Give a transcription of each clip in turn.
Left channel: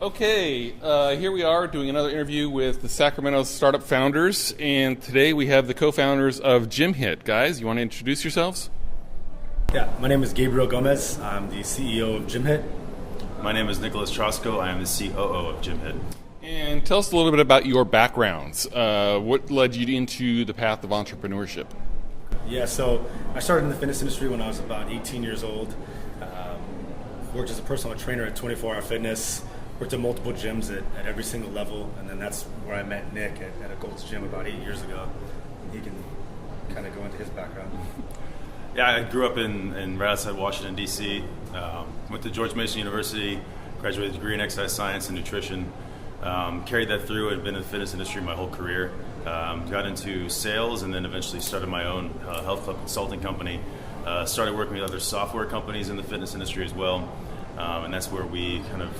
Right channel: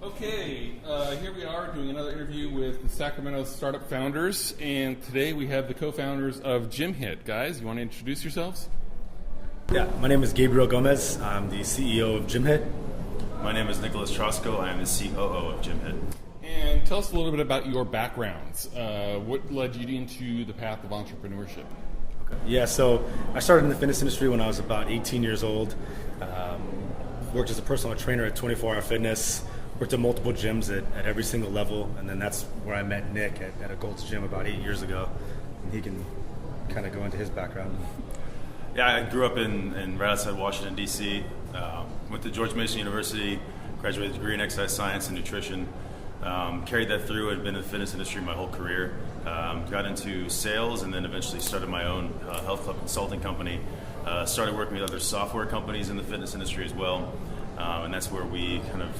Okay, here we are doing another interview with the Sacramento startup founders, and today we have the co-founders of GymHit. Guys, you want to introduce yourselves? Yeah, my name is Gabriel Gomez. I'm the CEO of GymHit. My name is Nicholas Trosko. I am the COO of GymHit. And tell us a little bit about your backgrounds. What led you into the path of entrepreneurship? Yeah, so I started in the fitness industry when I was about 18 years old. Worked as a personal trainer at 24 Hour Fitness. Worked at multiple gyms at every single level, and then that's where I met Nick at a Gold's Gym about 8 years ago. And he can kind of go into his background. Yeah, I grew up in right outside Washington, D.C. Went to George Mason University, graduated a degree in exercise science and nutrition. Carried that through. I'd been in the fitness industry my whole career. Got into sales and then eventually started my own health club consulting company. Started working with other software companies in the fitness industry as well. And that's where we kind of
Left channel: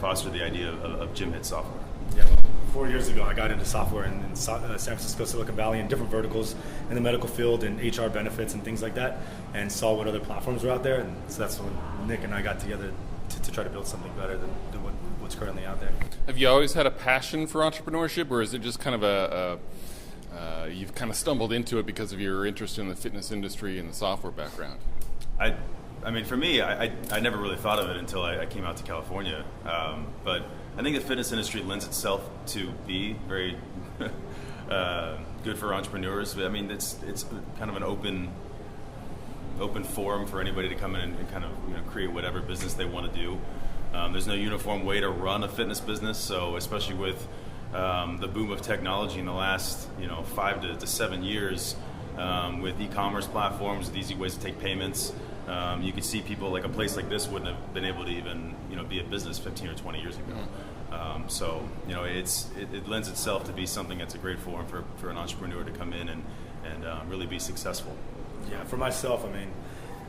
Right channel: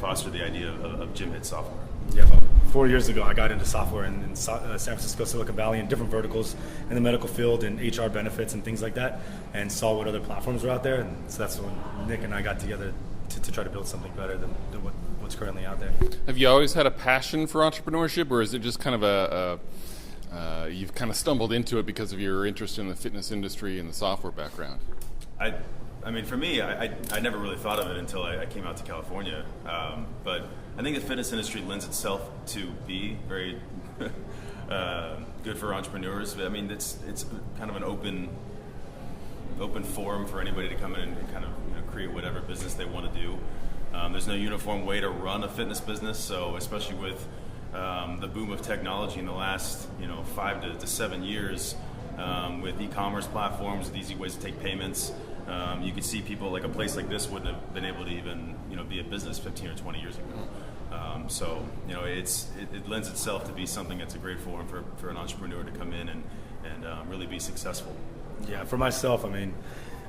fostered the idea of GymHit software. Yeah, well, 4 years ago I got into software in San Francisco, Silicon Valley, in different verticals in the medical field and HR benefits and things like that, and saw what other platforms were out there. And so that's when Nick and I got together to try to build something better than what's currently out there. Have you always had a passion for entrepreneurship, or is it just kind of you've kind of stumbled into it because of your interest in the fitness industry and the software background? I mean, for me, I never really thought of it until I came out to California. But I think the fitness industry lends itself to be very good for entrepreneurs. I mean, it's kind of an open forum for anybody to come in and kind of create whatever business they want to do. There's no uniform way to run a fitness business, so especially with the boom of technology in the last 5 to 7 years, with e-commerce platforms, with easy ways to take payments. You could see people like a place like this wouldn't have been able to even be a business 15 or 20 years ago. So it lends itself to be something that's a great forum for an entrepreneur to come in and really be successful. Yeah, for myself, I mean,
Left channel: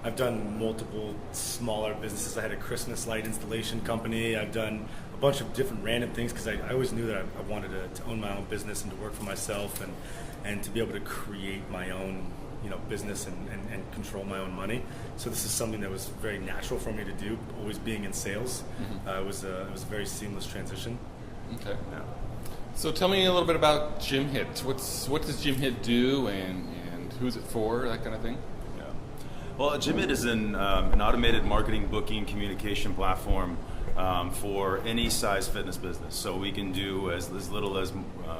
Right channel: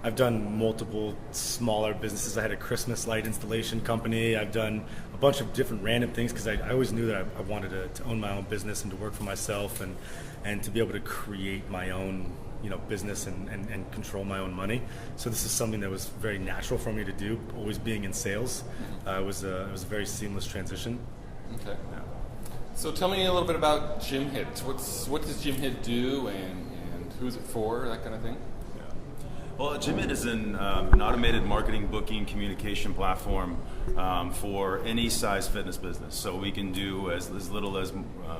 I've done multiple smaller businesses. I had a Christmas light installation company. I've done a bunch of different random things because I always knew that I wanted to own my own business and to work for myself and to be able to create my own business and control my own money. So this is something that was very natural for me to do, always being in sales. It was a very seamless transition. Okay. Yeah. So tell me a little bit about GymHit. What does GymHit do and who's it for, that kind of thing? Yeah. Well, GymHit is an automated marketing, booking, communication platform for any size fitness business. So we can do as little as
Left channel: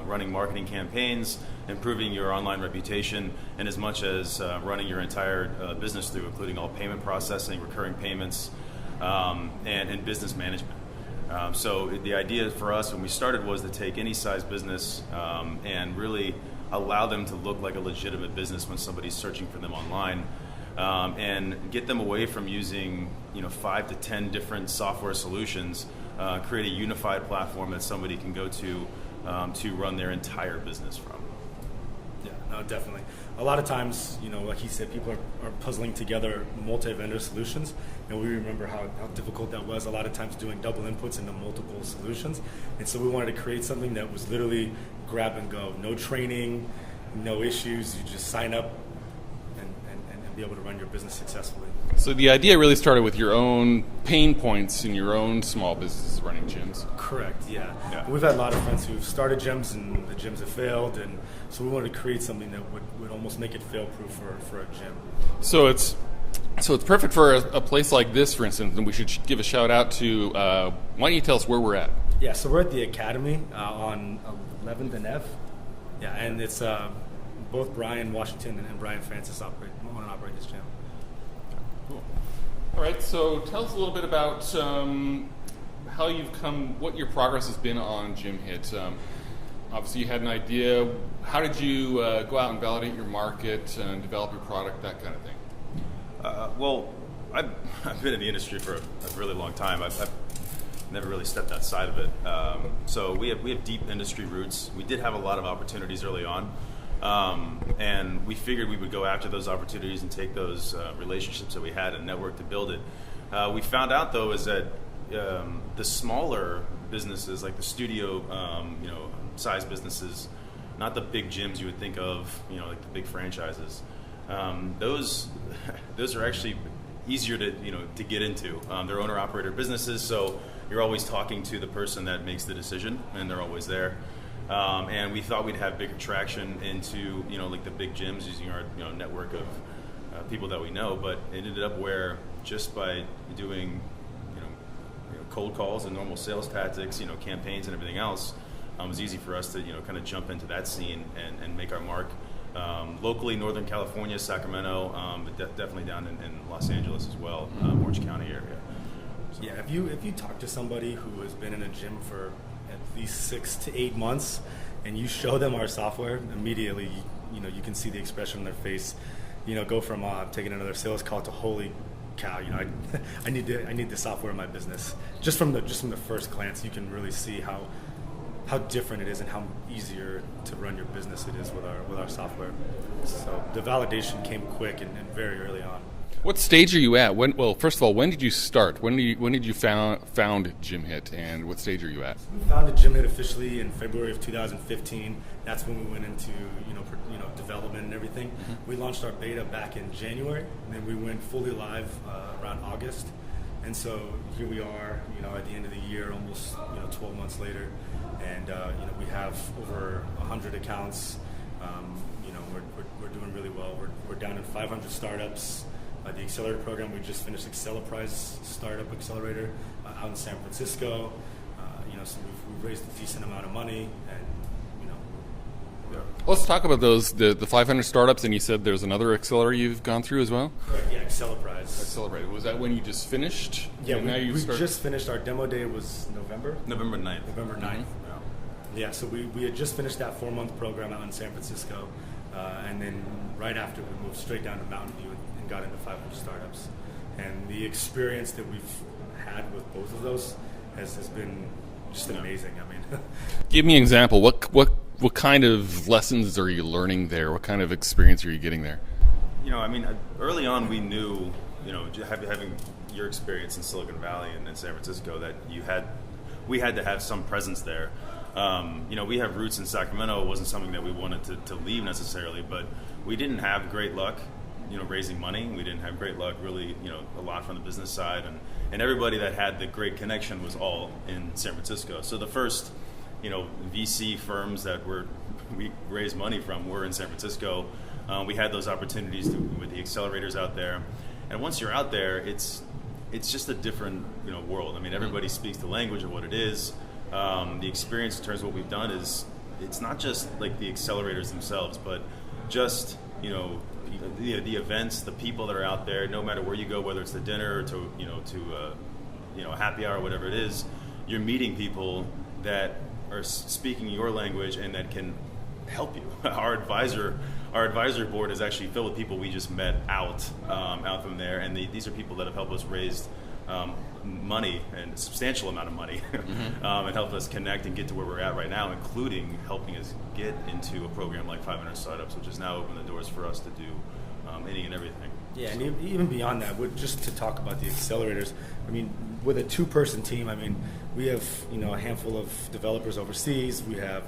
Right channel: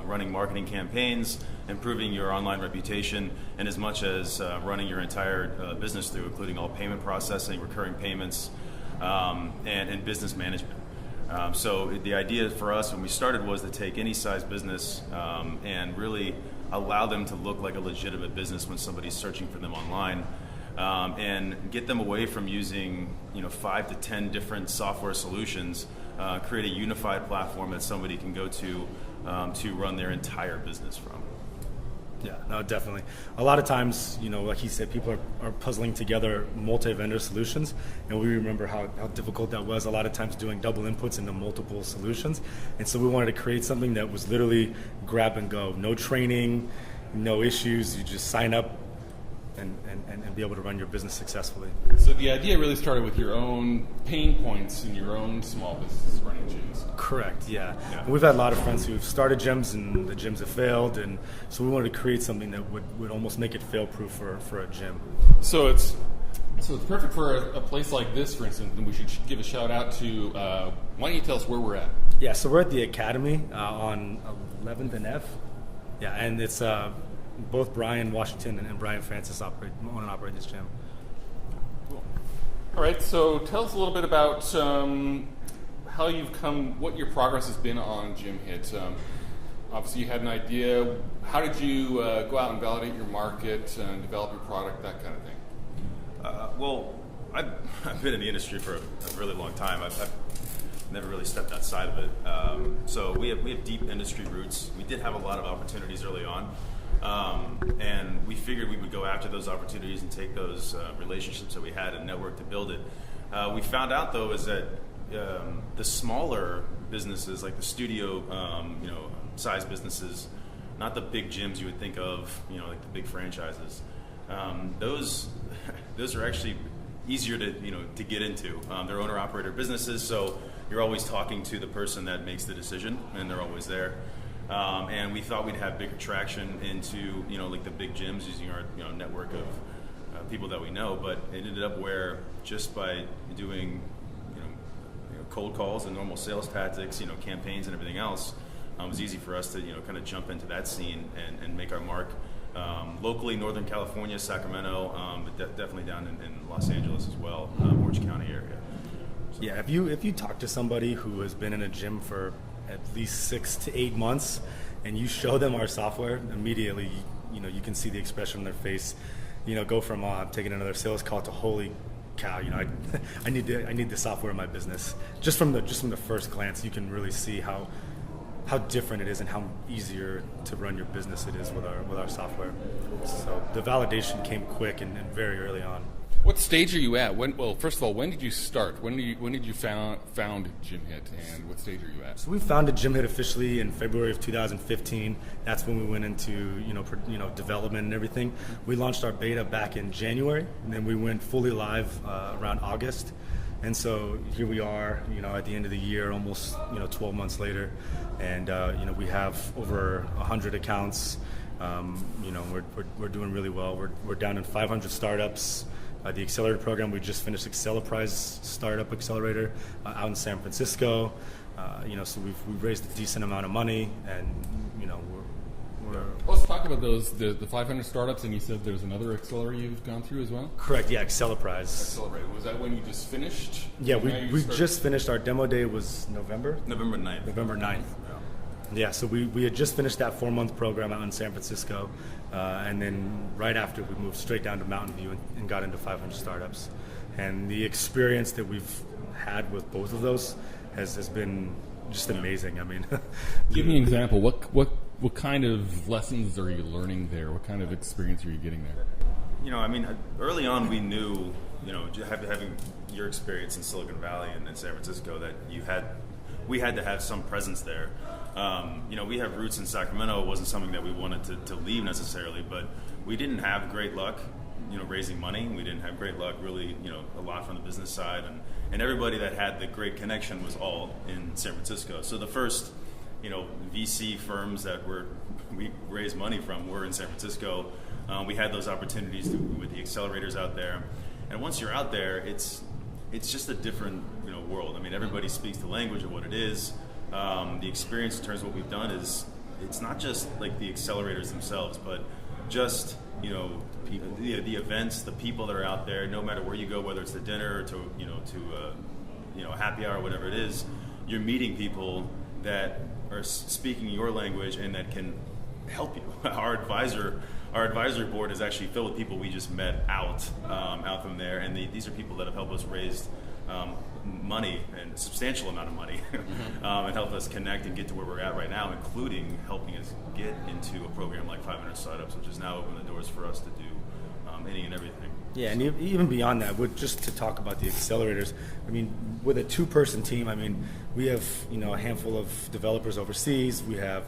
running marketing campaigns, improving your online reputation, and as much as running your entire business through, including all payment processing, recurring payments, and business management. So the idea for us when we started was to take any size business and really allow them to look like a legitimate business when somebody's searching for them online. And get them away from using 5 to 10 different software solutions, create a unified platform that somebody can go to run their entire business from. Yeah, no, definitely. A lot of times, like he said, people are puzzling together multi-vendor solutions, and we remember how difficult that was a lot of times doing double inputs into multiple solutions. And so we wanted to create something that was literally grab and go. No training, no issues. You just sign up and be able to run your business successfully. So the idea really started with your own pain points in your own small business running gyms. Correct, yeah. We've had a lot of friends who've started gyms and the gyms have failed, and so we wanted to create something that would almost make it fail-proof for a gym. So it's perfect for a place like this, for instance, and we should give a shout out to, why don't you tell us where we're at? Yeah, so we're at the Academy on 11th and F. Yeah, and it's both Brian Washington and Brian Francis own and operate this gym. Cool. All right, so tell us a little bit about how you've come, what your progress has been on GymHit. Obviously, you had an idea. How did you go out and validate your market and develop your product, that kind of thing? Well, I've been in the industry for a really long time. I've never really stepped outside of it. So we have deep industry roots. We did have a lot of opportunities early on. And we figured we would go after those opportunities and take those relationships that we had and network to build it. We found out, though, is that the smaller businesses, like the studio, size businesses, not the big gyms you would think of, like the big franchises. Those are actually easier to get into. They're owner-operator businesses, so you're always talking to the person that makes the decision, and they're always there. And we thought we'd have bigger traction into like the big gyms using our network of people that we know, but it ended up where just by doing cold calls and normal sales tactics, campaigns and everything else, it was easy for us to kind of jump into that scene and make our mark locally, Northern California, Sacramento, but definitely down in Los Angeles as well, Orange County area. So. Yeah, if you talk to somebody who has been in a gym for at least 6 to 8 months and you show them our software, immediately you can see the expression on their face, go from taking another sales call to holy cow, I need the software in my business. Just from the first glance, you can really see how different it is and how easier to run your business it is with our software. So the validation came quick and very early on. What stage are you at? First of all, when did you start? When did you found GymHit, and what stage are you at? So we founded GymHit officially in February of 2015. That's when we went into development and everything. Mm-hmm. We launched our beta back in January, and then we went fully live around August. And so here we are, at the end of the year, almost 12 months later, and we have over 100 accounts. We're doing really well. We're down in 500 startups. The accelerator program, we just finished Accelerprise Startup Accelerator out in San Francisco. So we've raised a decent amount of money, and we're Let's talk about those the 500 startups. And you said there's another accelerator you've gone through as well. Correct. Yeah, Accelerprise. Accelerator. Was that when you just finished? Yeah, we just finished. Our demo day was November 9th. November 9th. Yeah, so we had just finished that 4-month program out in San Francisco, and then right after we moved straight down to Mountain View and got into 500 startups. And the experience that we've had with both of those has been just amazing. I mean, give me an example. What kind of lessons are you learning there? What kind of experience are you getting there? Early on we knew, having your experience in Silicon Valley and in San Francisco, that we had to have some presence there. We have roots in Sacramento. It wasn't something that we wanted to leave necessarily, but we didn't have great luck, raising money. We didn't have great luck really, a lot from the business side, and everybody that had the great connection was all in San Francisco. So the first, VC firms that we raised money from were in San Francisco. We had those opportunities with the accelerators out there, and once you're out there, it's just a different, world. Everybody speaks the language of what it is. The experience in terms of what we've done is, it's not just like the accelerators themselves, but just the events, the people that are out there. No matter where you go, whether it's to dinner or to a happy hour, whatever it is, you're meeting people that are speaking your language and that can help you. Our advisory board is actually filled with people we just met out from there, and these are people that have helped us raise money, and a substantial amount of money, and help us connect and get to where we're at right now, including helping us get into a program like 500 Startups, which has now opened the doors for us to do any and everything. Yeah, and even beyond that, just to talk about the accelerators, with a 2-person team, we have a handful of developers overseas. We have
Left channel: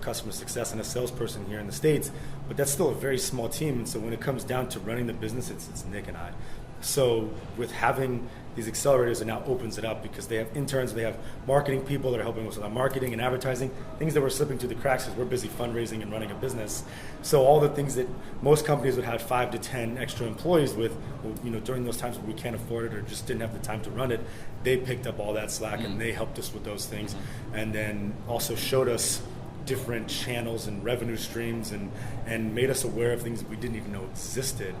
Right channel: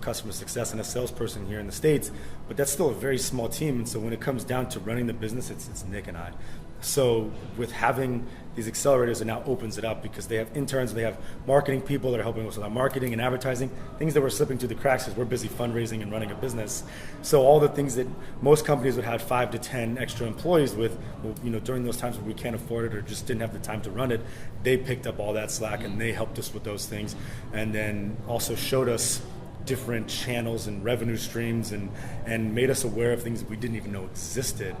customer success and a salesperson here in the States, but that's still a very small team. And so when it comes down to running the business, it's Nick and I. So with having these accelerators, it now opens it up, because they have interns, they have marketing people that are helping us with our marketing and advertising, things that were slipping through the cracks because we're busy fundraising and running a business. So all the things that most companies would have 5 to 10 extra employees with, during those times when we can't afford it or just didn't have the time to run it, they picked up all that slack and they helped us with those things, and then also showed us different channels and revenue streams and made us aware of things that we didn't even know existed.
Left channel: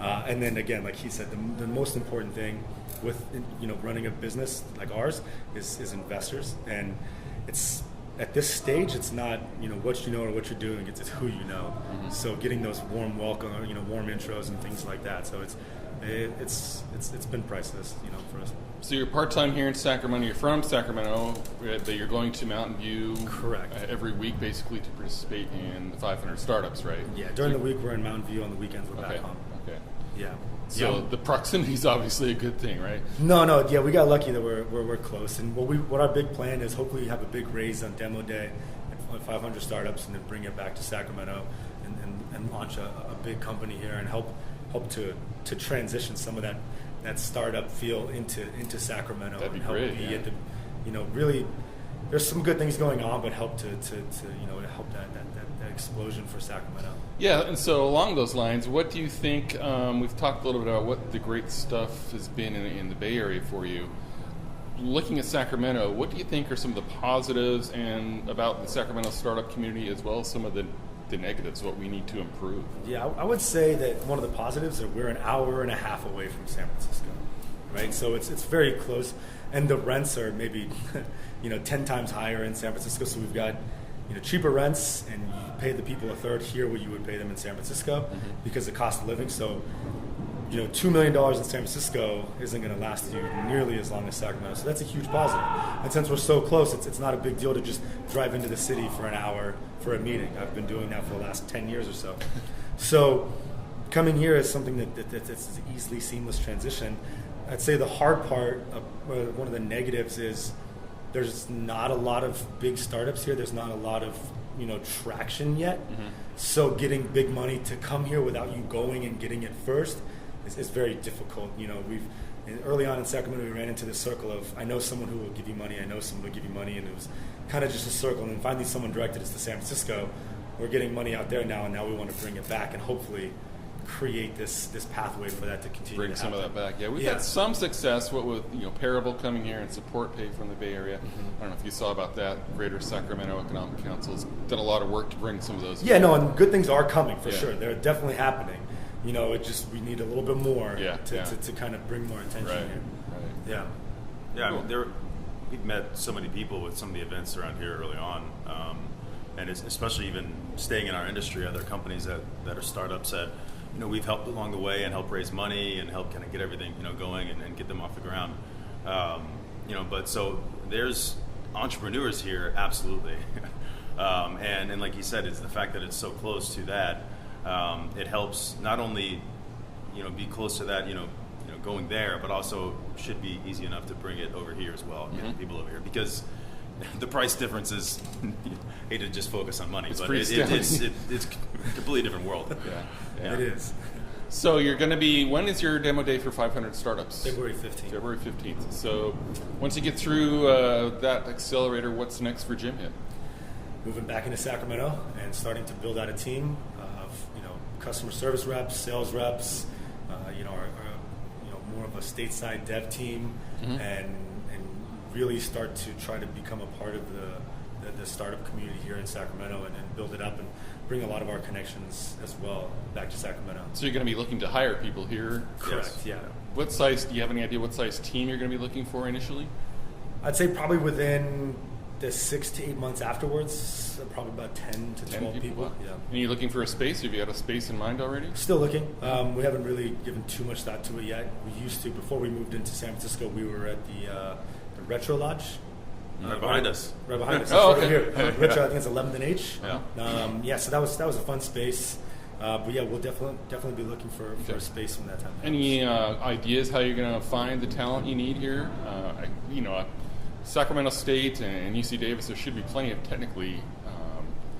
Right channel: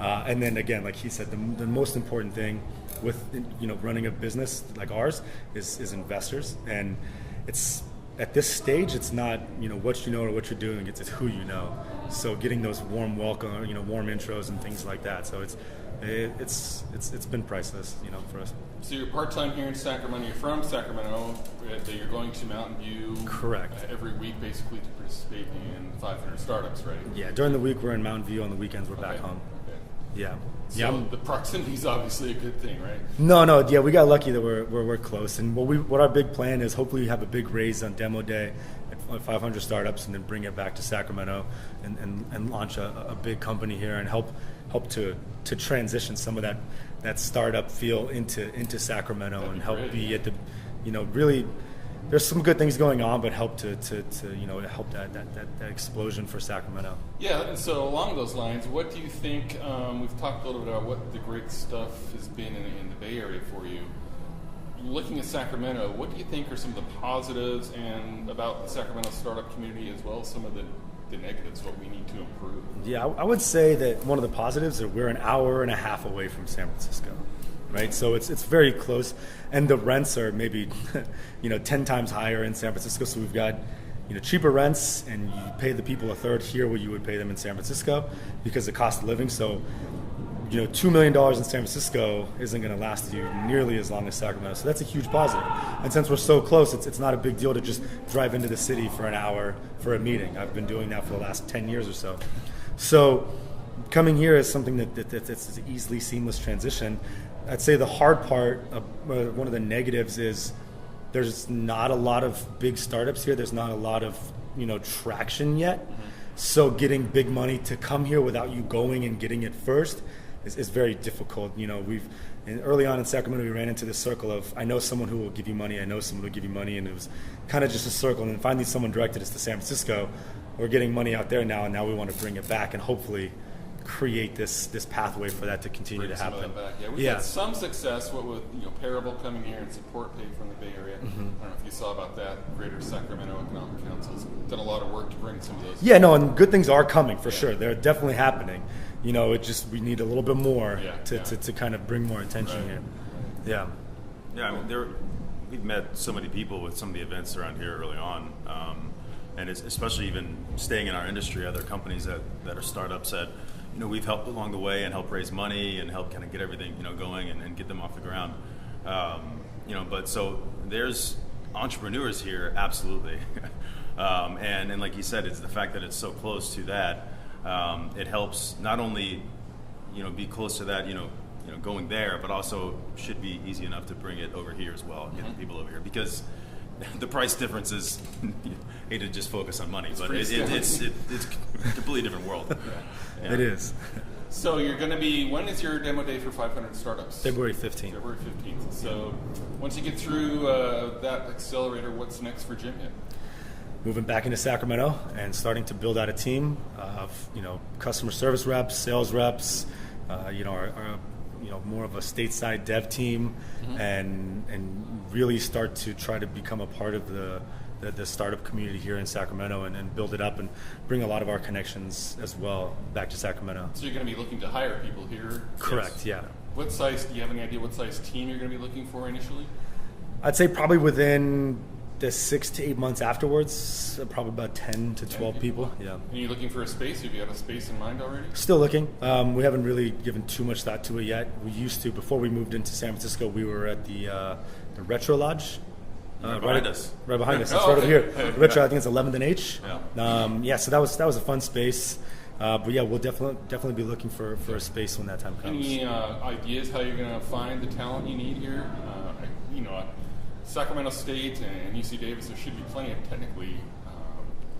And then again, like he said, the most important thing with running a business like ours is investors. And it's at this stage, it's not what you know or what you're doing. It's who you know. So getting those warm welcome, warm intros and things like that. So it's been priceless, for us. So you're part-time here in Sacramento. You're from Sacramento, but you're going to Mountain View. Correct. Every week, basically, to participate in the 500 startups, right? Yeah. During the week, we're in Mountain View. On the weekends, we're back home. Okay. Yeah. So the proximity is obviously a good thing, right? No. Yeah, we got lucky that we're close. And what our big plan is, hopefully, have a big raise on demo day at 500 startups, and then bring it back to Sacramento and launch a big company here and help to transition some of that that startup feel into Sacramento. That'd be and help great, be yeah. at the, really, there's some good things going on, but help to help that explosion for Sacramento. Yeah, and so along those lines, what do you think, we've talked a little bit about what the great stuff has been in the Bay Area for you. Looking at Sacramento, what do you think are some of the positives and about the Sacramento startup community, as well as some of the negatives, what we need to improve? Yeah, I would say that one of the positives is we're an hour and a half away from San Francisco, right? So it's very close, and the rents are maybe 10 times higher in San Francisco. So we've got cheaper rents, and you pay the people a third here what you would pay them in San Francisco because of the cost of living. So $2 million in San Francisco isn't going to last you nearly as long as Sacramento. So that's a huge positive. And since we're so close, it's not a big deal to just drive into the city for an hour for a meeting. I've been doing that for the last 10 years or so. So coming here is something that's an easily seamless transition. I'd say the hard part, one of the negatives is there's not a lot of big startups here. There's not a lot of traction yet. Mm-hmm. So getting big money to come here without you going and getting it first is very difficult. Early on in Sacramento, we ran into this circle of, I know someone who will give you money, I know someone who will give you money, and it was kind of just a circle. And then finally someone directed us to San Francisco. We're getting money out there now, and now we want to bring it back and hopefully create this pathway for that to continue to happen. Some of that back. Yeah, we've had some success with Parable coming here and support paid from the Bay Area. Mm-hmm. I don't know if you saw about that. Greater Sacramento Economic Council's done a lot of work to bring some of those. Yeah, no, and good things are coming for sure. They're definitely happening. We need a little bit more to kind of bring more attention here. Right. Yeah. Yeah, I mean, we've met so many people with some of the events around here early on, and it's especially even staying in our industry, other companies that are startups that we've helped along the way and help raise money and help kind of get everything going and get them off the ground. But so there's entrepreneurs here, absolutely, and like you said, it's the fact that it's so close to that. It helps not only be close to that going there, but also should be easy enough to bring it over here as well, and get people over here, because the price difference is hate to just focus on money, but it's a completely different world. It is. So you're going to be, when is your demo day for 500 startups? February 15th. February 15th. So once you get through that accelerator, what's next for GymHit? Moving back into Sacramento and starting to build out a team of customer service reps, sales reps, our more of a stateside dev team, and really start to try to become a part of the startup community here in Sacramento and build it up and bring a lot of our connections as well back to Sacramento. So you're going to be looking to hire people here? Correct. Yes. Yeah. Do you have any idea what size team you're going to be looking for initially? I'd say probably within the 6 to 8 months afterwards, probably about 10 to 12 people. Yeah. And you're looking for a space? Have you got a space in mind already? Still looking. We haven't really given too much thought to it yet. We used to, before we moved into San Francisco, we were at the Retro Lodge. Right behind us. Right behind us. That's right over here. Retro, I think it's 11th and H. Yeah. So that was a fun space. But yeah, we'll definitely be looking for a space when that time comes. Any ideas how you're going to find the talent you need here? Sacramento State and UC Davis, there should be plenty of technically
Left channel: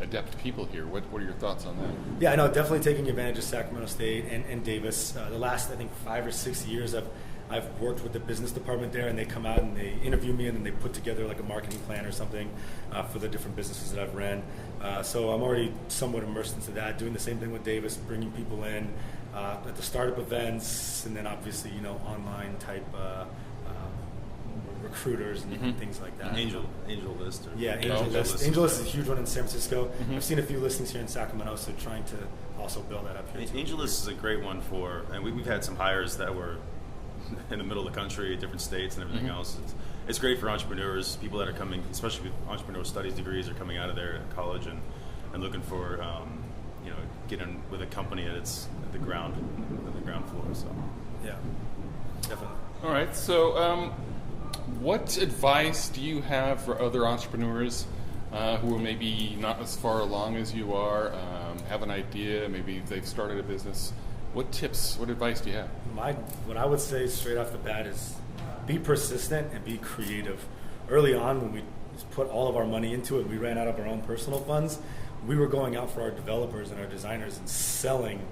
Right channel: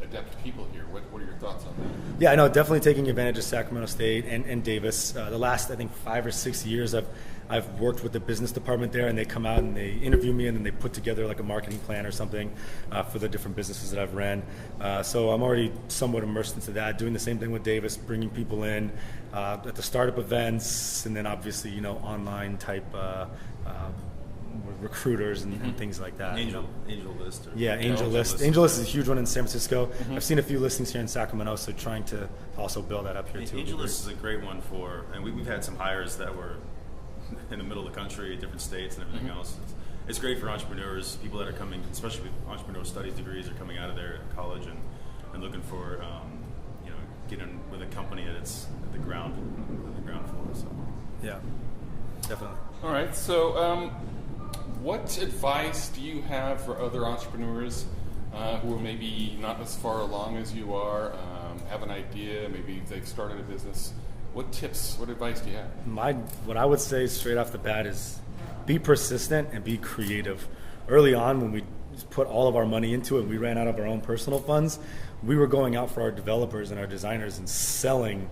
adept people here. What are your thoughts on that? Yeah, I know, definitely taking advantage of Sacramento State and Davis. The last, I think, 5 or 6 years, I've worked with the business department there, and they come out and they interview me, and then they put together like a marketing plan or something for the different businesses that I've ran. So I'm already somewhat immersed into that, doing the same thing with Davis, bringing people in at the startup events, and then obviously, online type recruiters and things like that. Angel List. Angel List. Angel List is a huge one in San Francisco. I've seen a few listings here in Sacramento, so trying to also build that up here too. Angel List is a great one and we've had some hires that were in the middle of the country, different states and everything else. It's great for entrepreneurs, people that are coming, especially with entrepreneurial studies degrees, are coming out of there at college and looking for getting with a company at the ground floor. So yeah, definitely. All right, so what advice do you have for other entrepreneurs who are maybe not as far along as you are, have an idea, maybe they've started a business? What advice do you have? What I would say straight off the bat is be persistent and be creative. Early on, when we put all of our money into it, we ran out of our own personal funds. We were going out for our developers and our designers and selling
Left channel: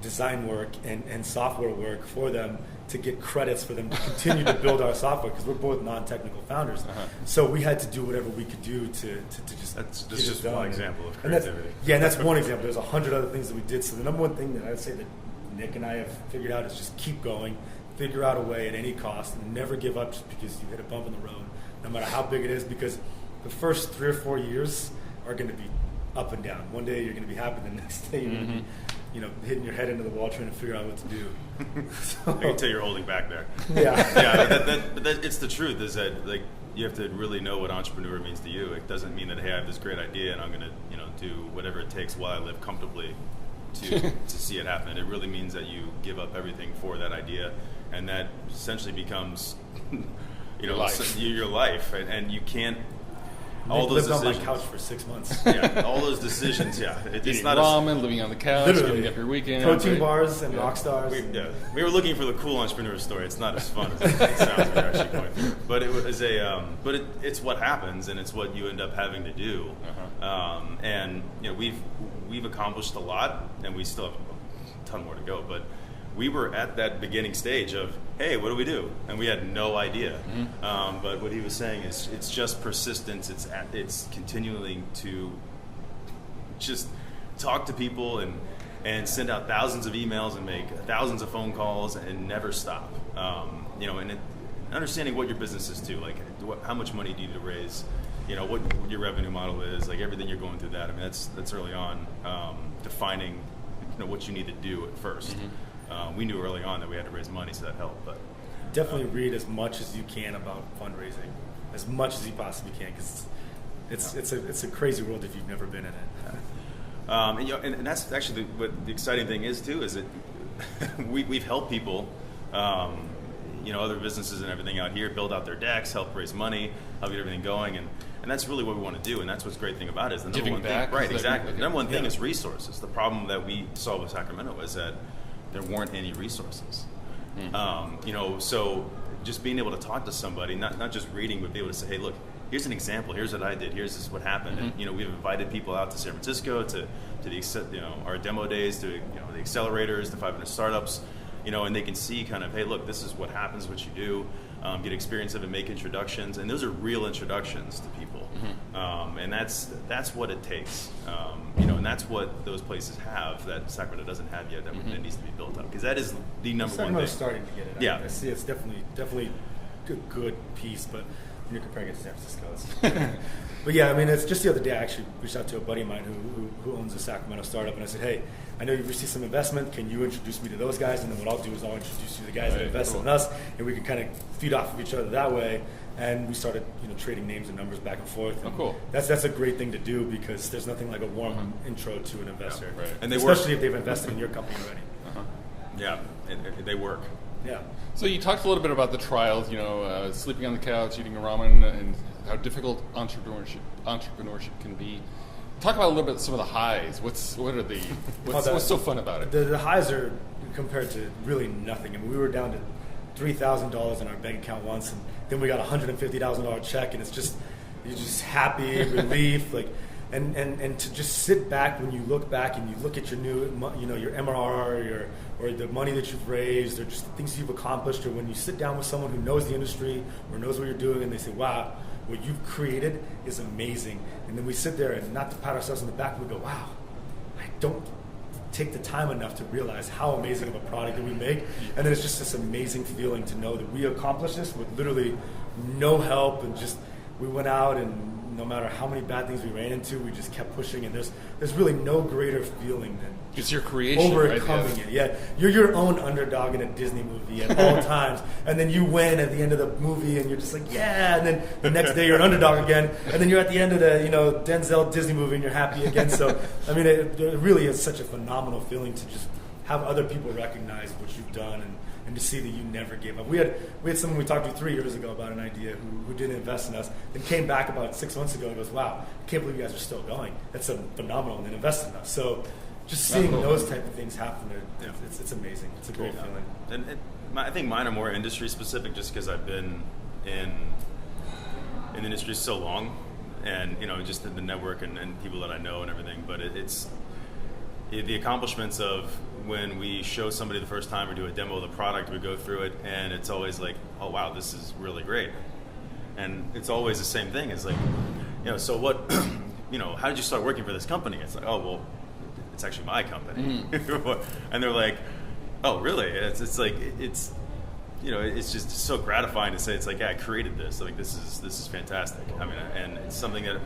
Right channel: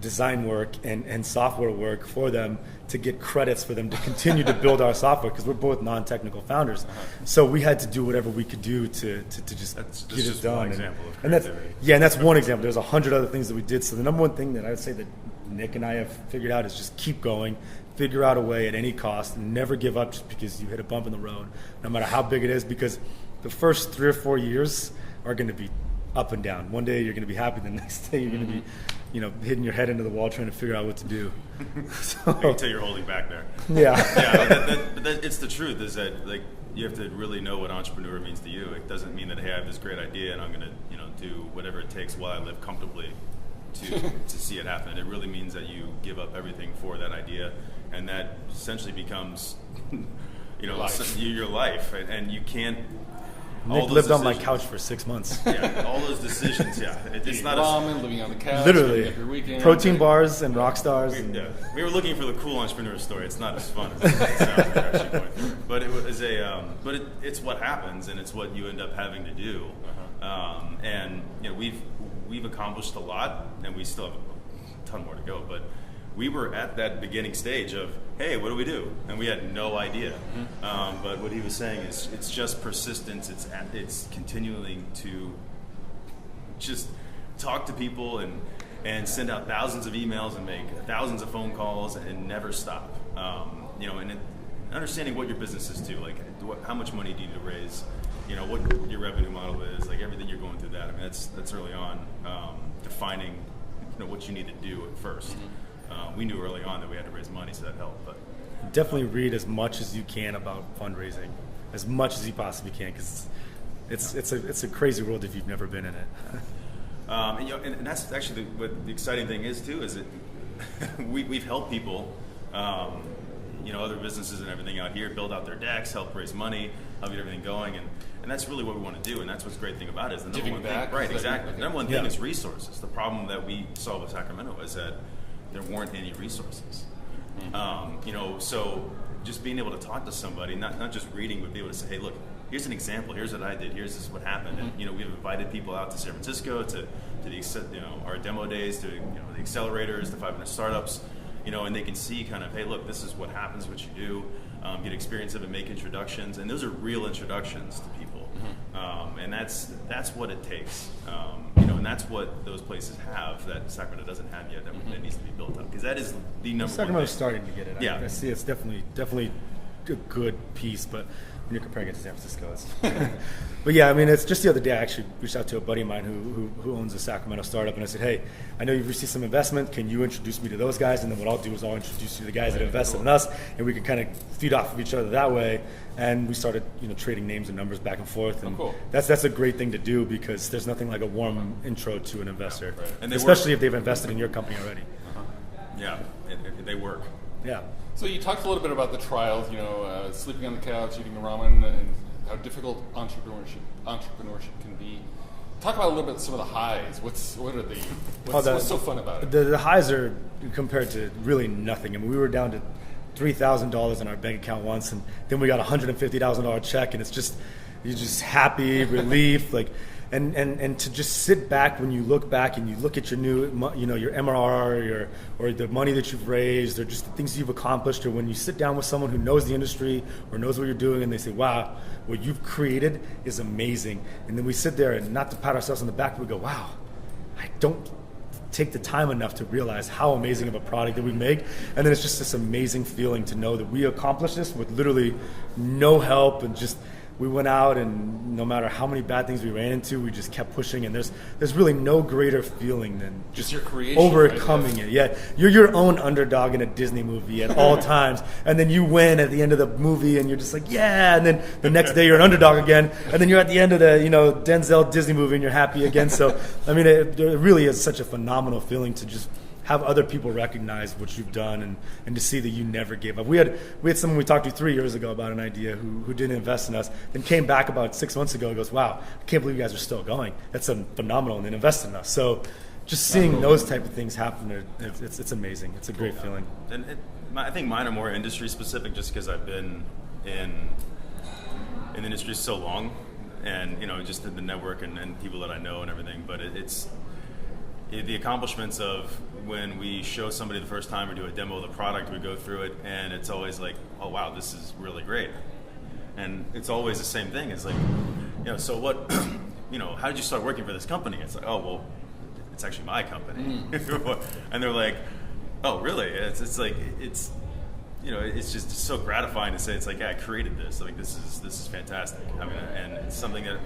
design work and software work for them to get credits for them to continue to build our software, because we're both non-technical founders. So we had to do whatever we could do to just That's get it just done. one example of And that's, creativity. and that's one example. There's 100 other things that we did. So the number one thing that I would say that Nick and I have figured out is just keep going, figure out a way at any cost, and never give up just because you hit a bump in the road, no matter how big it is, because the first 3 or 4 years are going to be up and down. One day you're going to be happy, the next day you're going to be, hitting your head into the wall trying to figure out what to do. I can tell you're holding back there. Yeah. Yeah, but it's the truth, is that like you have to really know what entrepreneur means to you. It doesn't mean that, hey, I have this great idea and I'm going to do whatever it takes while I live comfortably to see it happen. It really means that you give up everything for that idea, and that essentially becomes your life, and you can't. Nick lived on my couch for 6 months. Yeah, all those decisions. Yeah, it's not ramen, living on the couch, literally giving up your weekend, protein bars and rock stars. We were looking for the cool entrepreneur story. It's not as fun as it sounds. We're actually going through it. But it was it's what happens, and it's what you end up having to do. And we've accomplished a lot, and we still have a ton more to go. But we were at that beginning stage of, hey, what do we do? And we had no idea. But what he was saying is, it's just persistence. It's continuing to just talk to people and send out thousands of emails and make thousands of phone calls and never stop. And understanding what your business is too, like how much money do you need to raise, what your revenue model is, like everything you're going through that. I mean, that's early on, defining what you need to do at first. We knew early on that we had to raise money, so that helped. But definitely read as much as you can about fundraising, as much as you possibly can, because it's a crazy world if you've never been in it. And that's actually what the exciting thing is too, is that we've helped people, other businesses and everything out here build out their decks, help raise money, help get everything going, and that's really what we want to do, and that's what's great thing about it is the number one thing. Right, exactly. The number one thing is resources. The problem that we saw with Sacramento was that there weren't any resources. So just being able to talk to somebody, not just reading, but be able to say, hey, look, here's an example. Here's what I did. Here's what happened. And we've invited people out to San Francisco to the our demo days, to the accelerators, the 500 startups, and they can see kind of, hey, look, this is what happens, what you do, get experience of it, make introductions, and those are real introductions to people, and that's what it takes, and that's what those places have that Sacramento doesn't have yet, that needs to be built up, because that is the number one thing. Sacramento's starting to get it. Yeah. I see it's definitely a good piece, but when you're comparing it to San Francisco, it's but yeah, I mean, it's just the other day I actually reached out to a buddy of mine who owns a Sacramento startup, and I said, hey, I know you've received some investment. Can you introduce me to those guys? And then what I'll do is I'll introduce you to the guys that invested in us, and we can kind of feed off of each other that way. And we started, trading names and numbers back and forth. And cool. That's a great thing to do, because there's nothing like a warm intro to an investor, right. And especially if they've invested in your company already. Yeah, they work. Yeah. So you talked a little bit about the trials, sleeping on the couch, eating ramen, and how difficult entrepreneurship can be. Talk about a little bit some of the highs. What's so fun about it? The highs are compared to really nothing. I mean, we were down to $3,000 in our bank account once, and then we got a $150,000 check, and you're just happy, relief, like. And to just sit back when you look back and you look at your new, your MRR or the money that you've raised, or just the things you've accomplished, or when you sit down with someone who knows the industry or knows what you're doing, and they say, wow, what you've created is amazing. And then we sit there, and not to pat ourselves on the back, we go, wow, I don't take the time enough to realize how amazing of a product that we make. And then it's just this amazing feeling to know that we accomplished this with literally no help, and just we went out, and no matter how many bad things we ran into, we just kept pushing. And there's really no greater feeling than just your creation, overcoming it. Yeah, you're your own underdog in a Disney movie at all times, and then you win at the end of the movie, and you're just like, yeah. And then the next day you're an underdog again, and then you're at the end of the Denzel Disney movie, and you're happy again. So I mean, it really is such a phenomenal feeling to just have other people recognize what you've done, and to see that you never gave up. We had someone we talked to 3 years ago about an idea who didn't invest in us, then came back about 6 months ago and goes, wow, I can't believe you guys are still going. That's phenomenal, and then invested in us. So just seeing those type of things happen, it's amazing. It's a great feeling. And I think mine are more industry specific, just because I've been in the industry so long, and just the network and people that I know and everything. But the accomplishments of when we show somebody the first time or do a demo of the product, we go through it, and it's always like, oh wow, this is really great. And it's always the same thing. It's like, so what, how did you start working for this company? It's like, oh, well, it's actually my company. And they're like, oh, really? It's like, it's just so gratifying to say, it's like, yeah, I created this. Like, this is fantastic. I mean, and it's something that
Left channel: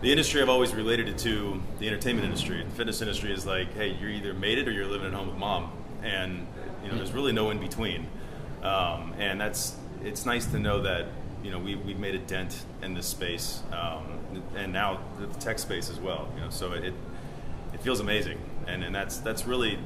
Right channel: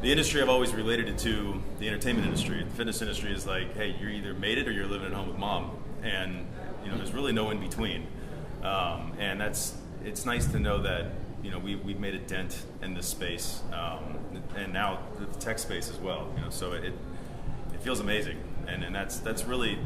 the industry, I've always related it to the entertainment industry. The fitness industry is like, hey, you either made it or you're living at home with mom. And, there's really no in between. And it's nice to know that, we've made a dent in this space, and now the tech space as well. So it feels amazing, and that's really.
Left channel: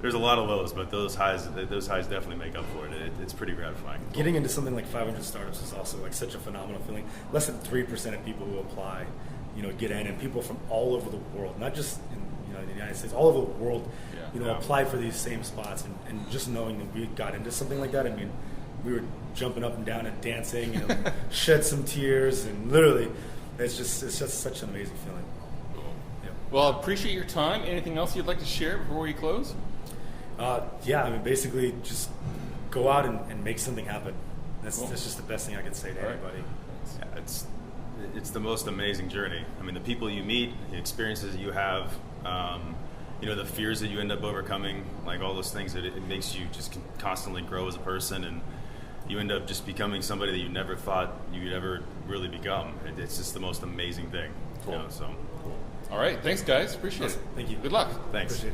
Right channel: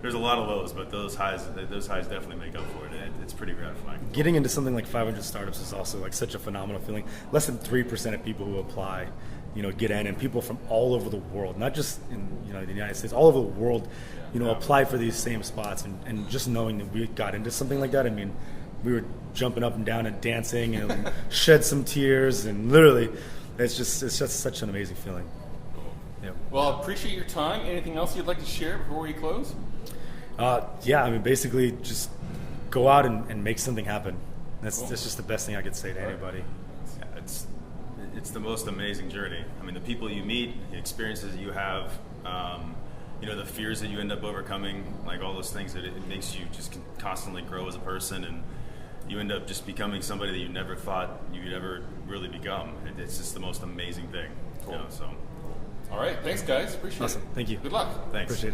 There's a lot of lows, but those highs definitely make up for it. It's pretty gratifying. Getting into something like 500 startups is also like such a phenomenal feeling. Less than 3% of people who apply, get in, and people from all over the world, not just in the United States, all over the world, apply for these same spots, and just knowing that we got into something like that. I mean, we were jumping up and down and dancing and shed some tears, and literally, it's just such an amazing feeling. Cool. Yeah. Well, I appreciate your time. Anything else you'd like to share before we close? Basically just go out and make something happen. That's Cool. just the best thing I could say to anybody. Yeah, it's the most amazing journey. I mean, the people you meet, the experiences that you have, the fears that you end up overcoming, like all those things that it makes you just constantly grow as a person, and you end up just becoming somebody that you never thought you would ever really become. It's just the most amazing thing. Cool. So. All right. Thanks, guys. Appreciate Awesome. it. Thank you. Good luck. Thanks. Appreciate it.